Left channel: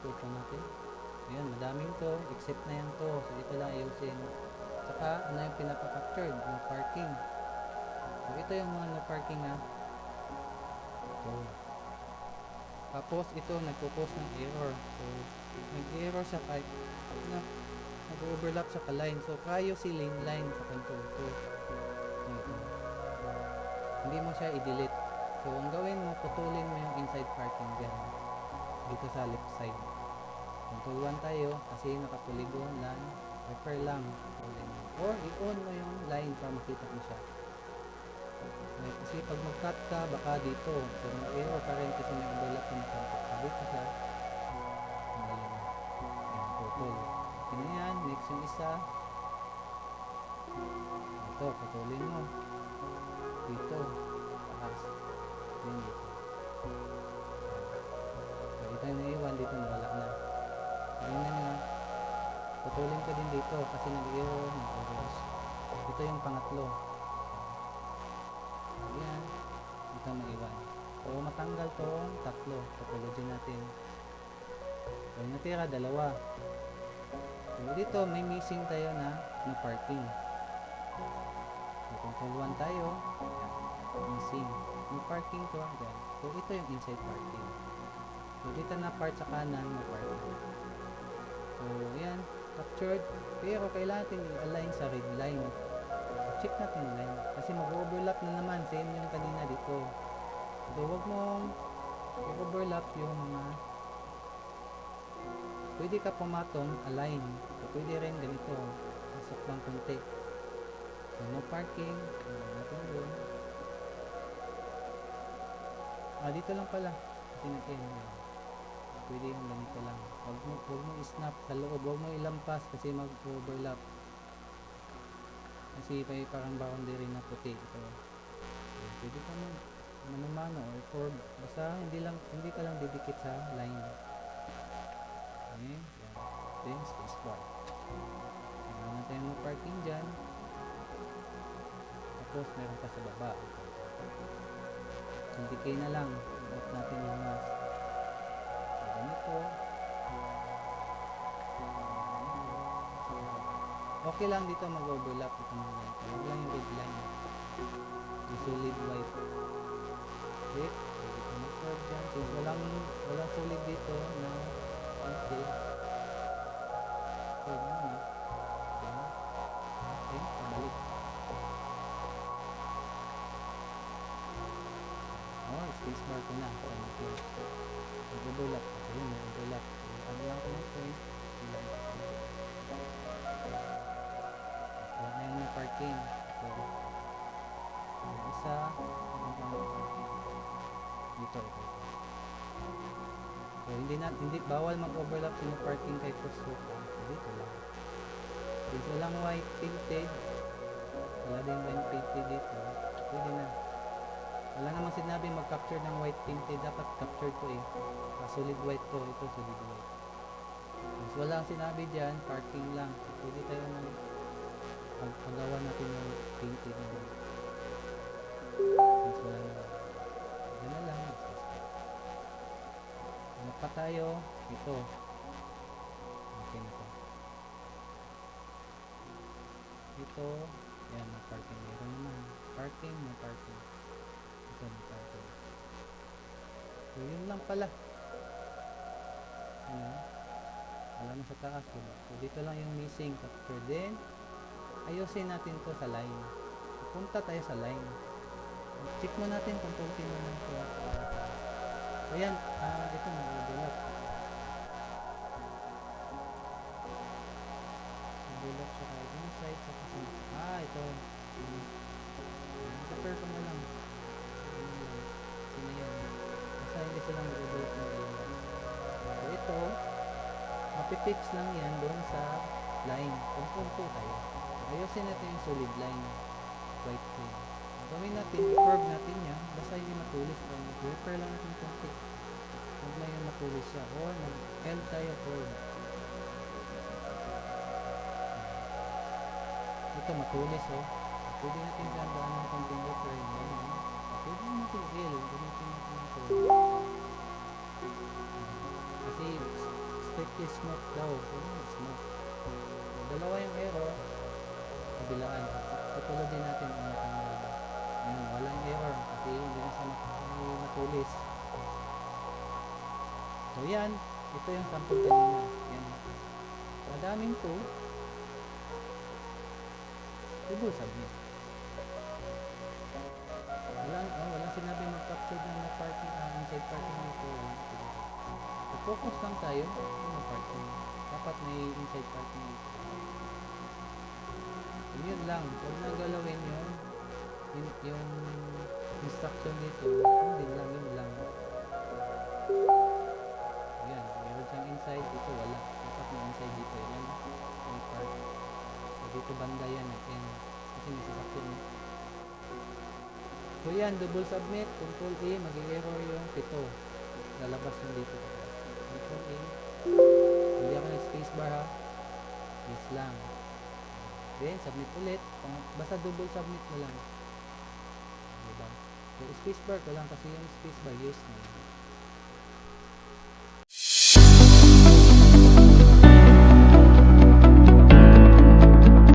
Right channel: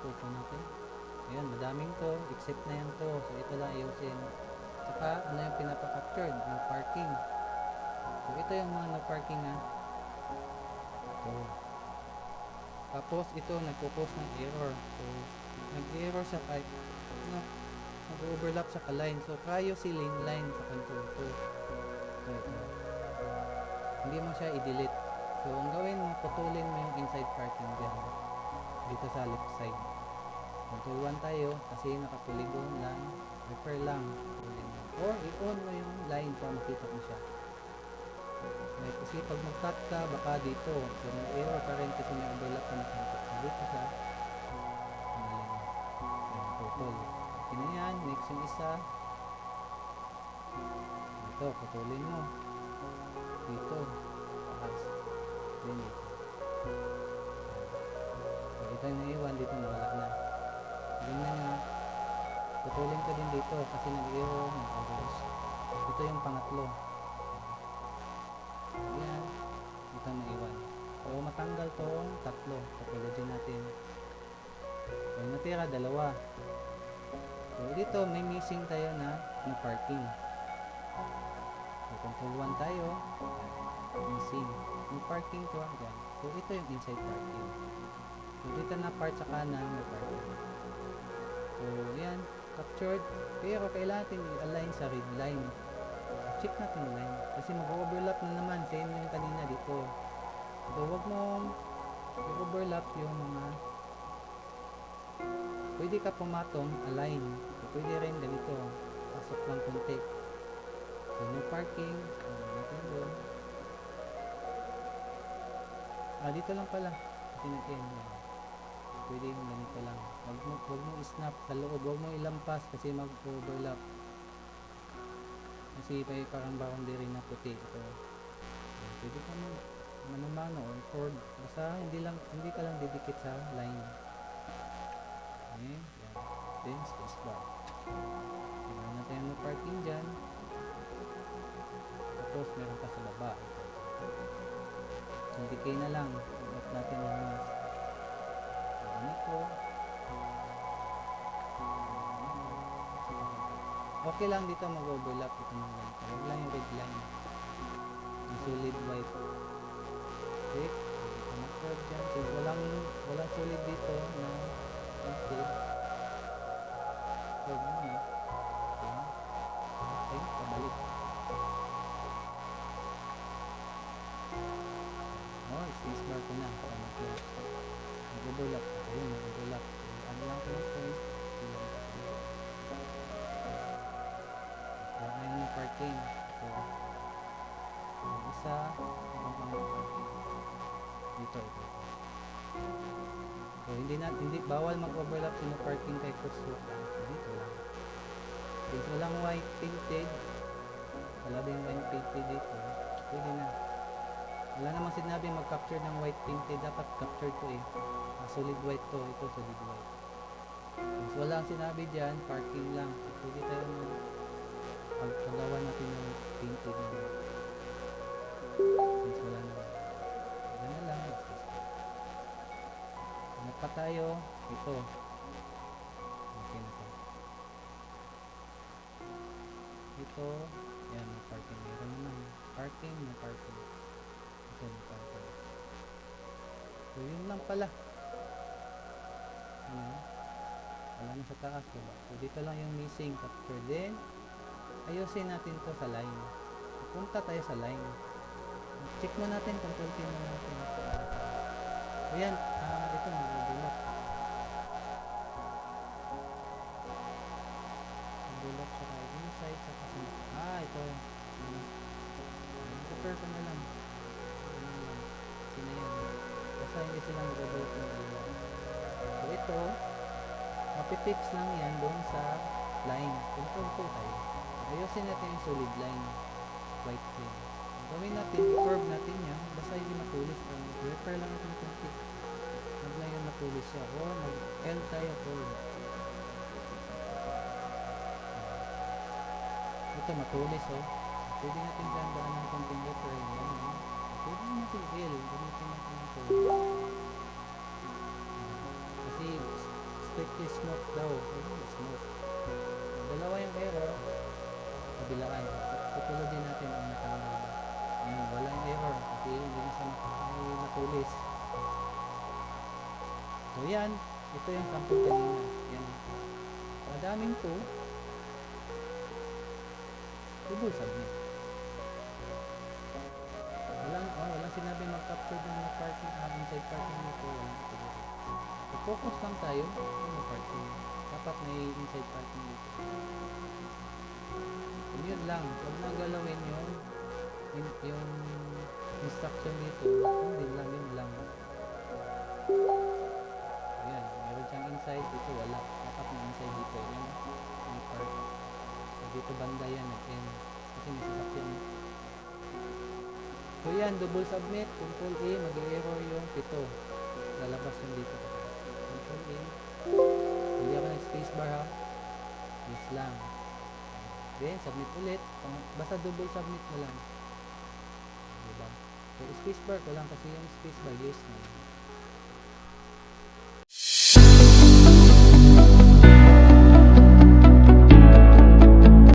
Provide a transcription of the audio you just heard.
Photo natin. Ayan, madaming to. Except na yan to. So, ito lang ayusin. Saka, ano yung pinapa-captured? No parking. So, ito yung mga no parking ha. So, tapos, ito, nagpo-post ng error. So, nag-error siya kahit, ano, nag-overlap sa ka-line. So, privacy lane line sa control 2. So, ito. Hindi mo siya i-delete. So, ang gawin mo, putulin mo yung inside parking dyan. Dito sa left side. Control 1 tayo kasi naka-polygon lang. Refer lang. Or i-on mo yung line para makita mo siya. Okay, kasi pag mag-cut ka, baka dito. So, error pa rin kasi may overlap na nakontrol. Dito siya. Ang galing. Ayan, putol. Okay na yan. Next yung isa. Ito, putulin mo. Dito. Taas. Then dito. So, ito yung naiwan. Dito nawala na. Tingnan nyo. Putulin ko din dito kasi nag-error. Ito yung pangatlo. Ayan. Dito naiwan. So, matanggal tong tatlo. Topology natin. So, yung natira, dalawa. So, dito may missing tayo na no parking. So, control 1 tayo. Ayan. Missing. No parking to. Ayan. So, ito yung inside parking. So, dito na part sa kanan no parking. So, ayan. Captured. Pero kailangan natin i-align sa red line. Check natin yung line. Kasi mag-overlap na naman. Same yung kanina dito. So, wag mong i-overlap yung mga pwede ka pumatong align. So, pwede rin ganito. Pasok lang konti. So, no parking. Natin doon. Dito lang pala. Kasi nag-end. Pwede yung ganito lang. Wag mo i-snap sa loob. Wag mo ilampas kasi mag-overlap. Kasi may parang boundary na puti ito. Pwede ka mano-mano or chord. Basta hindi ka lang didikit sa line. Okay. Yan. Then spacebar. Meron na tayo ng parking dyan. Tapos meron pa sa baba. Ito. Indicate na lang. I-off natin yung mask. Ganito. Okay lang dito mag-overlap ito ng ganito. Huwag lang yung red line. Yung solid white. Okay. Dito mag-curve dyan. Since walang solid dito na until curve muna. Okay. Okay. Pabalik. Spacebar ko na para mag-close. Mag-overlap. Ayun, mag-overlap. So, ano lang ko ng point. Wala na yung parking. So, yung isa, ano pang parking. Dito. So, hindi bawal mag-overlap sa parking kay crosswalk lang. Dito lang. Since walang white painted, wala din white painted dito, pwede na. Wala namang sinabi mag-capture ng white painted. Dapat capture to eh. Solid white to. Ito solid white. Since wala ang sinabi dyan, parking lang. So, pwede tayo na paggawa natin yung painted na white. Since wala naman. Yan na lang. Hanap pa tayo. Ito. Okay na to. Ito. Yan. Parking. Meron naman. Parking. Ito na parking. So, yun lang pala. Ayan. Wala na sa taas, diba? So, dito lang yung missing capture. Then, ayusin natin to sa line. Punta tayo sa line. Check mo natin, control T mo natin. Ayan, ito nag-overlap. Nag-overlap siya kahit inside sa kasi. Ito. Capture ko na lang. Sino yan? Basta hindi silang mag-overlap ng dalawa. So, ito, mapipix lang yan doon sa line. Control 2 tayo. So, ayusin natin yung solid line. White plane. Gawin natin, i-curve natin yan. Basta hindi matulis. Refer lang natin konti. Huwag na yung matulis siya. Or mag-L tayo curve. Ito matulis oh. Pwede natin dyan daan ng konting refer. Pwede natin L. Gamitin natin yung curve. Kasi strictly smooth daw. Ayun, smooth. Dalawa yung error, kabilaan. Tutulad din natin ang natanggal ba. Ayun, walang error kasi hindi na siya matulis. So yan, ito yung sample kanina. Yan. Madaming to. Double submit. Walang sinabi mag-capture ng no parking, inside parking dito. Walang ito. So, focus lang tayo kung no parking. Dapat may inside parking dito. So, yun lang. Huwag na galawin yung instruction dito. Yun din lang, yun lang. Ayan, meron siyang inside. Dito wala. Dapat may inside dito. Yan. May park. So, dito banda yan. Nag-end. Kasi may sasakyan. So yan, double submit, Control A, mag-error yung pito. Lalabas yung dito. Control A. Hindi ako nag-spacebar ha. Yes lang. Then, submit ulit. Basta double submit mo lang. Diba? So, spacebar ko lang kasi yung spacebar, yes na yun.